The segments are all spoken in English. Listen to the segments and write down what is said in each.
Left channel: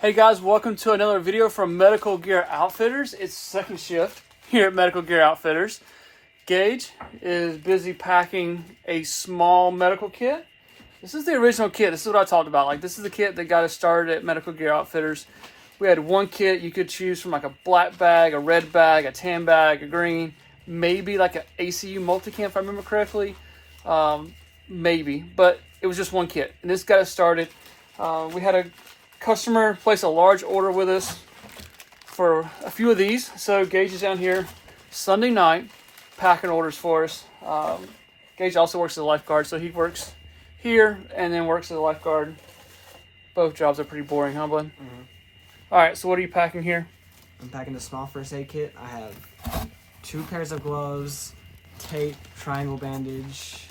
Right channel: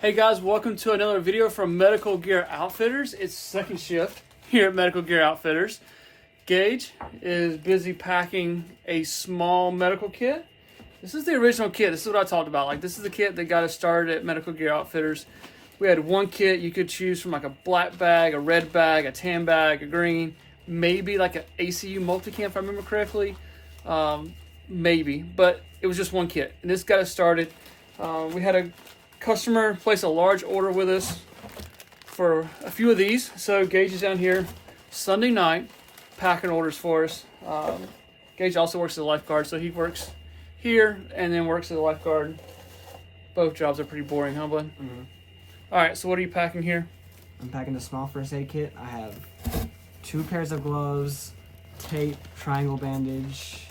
Hey guys, welcome to another video from Medical Gear Outfitters. It's second shift here at Medical Gear Outfitters. Gage is busy packing a small medical kit. This is the original kit. This is what I talked about. Like, this is the kit that got us started at Medical Gear Outfitters. We had one kit you could choose from, like a black bag, a red bag, a tan bag, a green, maybe like an ACU multicam if I remember correctly. Maybe, but it was just one kit. And this got us started. We had a customer place a large order with us for a few of these. So Gage is down here Sunday night packing orders for us. Gage also works as a lifeguard, so he works here and then works as a lifeguard. Both jobs are pretty boring, huh, bud? Mm-hmm. All right, so what are you packing here? I'm packing the small first aid kit. I have 2 pairs of gloves, tape, triangle bandage,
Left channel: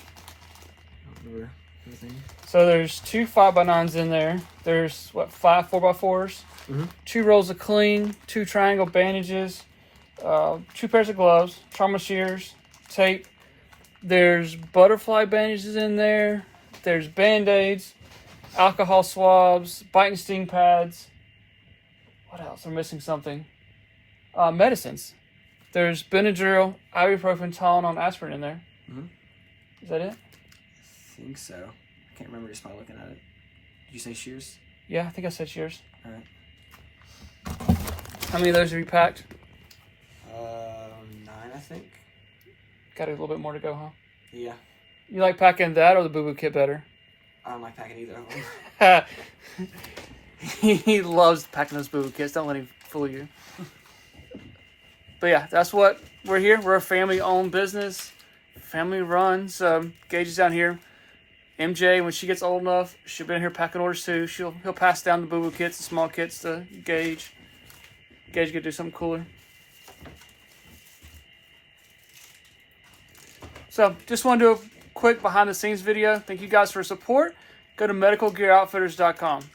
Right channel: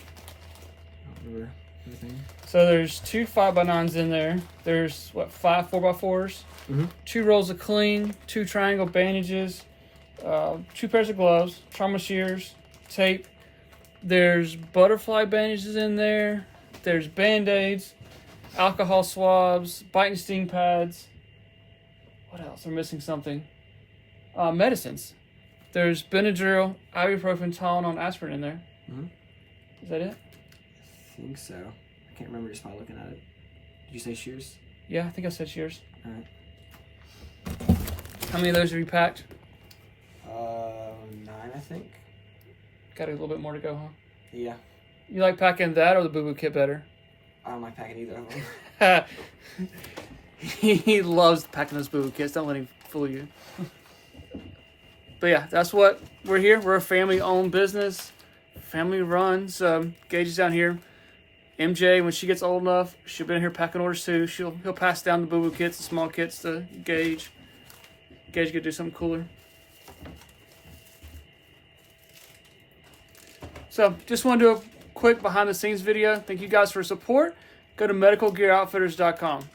everything. So there's 2 5x9s in there. There's, what, 5 4x4s? Mm-hmm. 2 rolls of clean, 2 triangle bandages, 2 pairs of gloves, trauma shears, tape. There's butterfly bandages in there. There's Band-Aids, alcohol swabs, bite and sting pads. What else? I'm missing something. Medicines. There's Benadryl, ibuprofen, Tylenol, and aspirin in there. Mm-hmm. Is that it? I think so. I can't remember just by looking at it. Did you say shears? Yeah, I think I said shears. All right. How many of those have you packed? 9, I think. Got a little bit more to go, huh? Yeah. You like packing that or the boo-boo kit better? I don't like packing either of them. He loves packing those boo-boo kits. Don't let him fool you. But yeah, that's what we're here. We're a family-owned business, family-run. So Gage is down here. MJ, when she gets old enough, she'll be in here packing orders too. He'll pass down the boo-boo kits, the small kits to Gage. Gage could do something cooler. So just want to do a quick behind-the-scenes video. Thank you guys for support. Go to medicalgearoutfitters.com.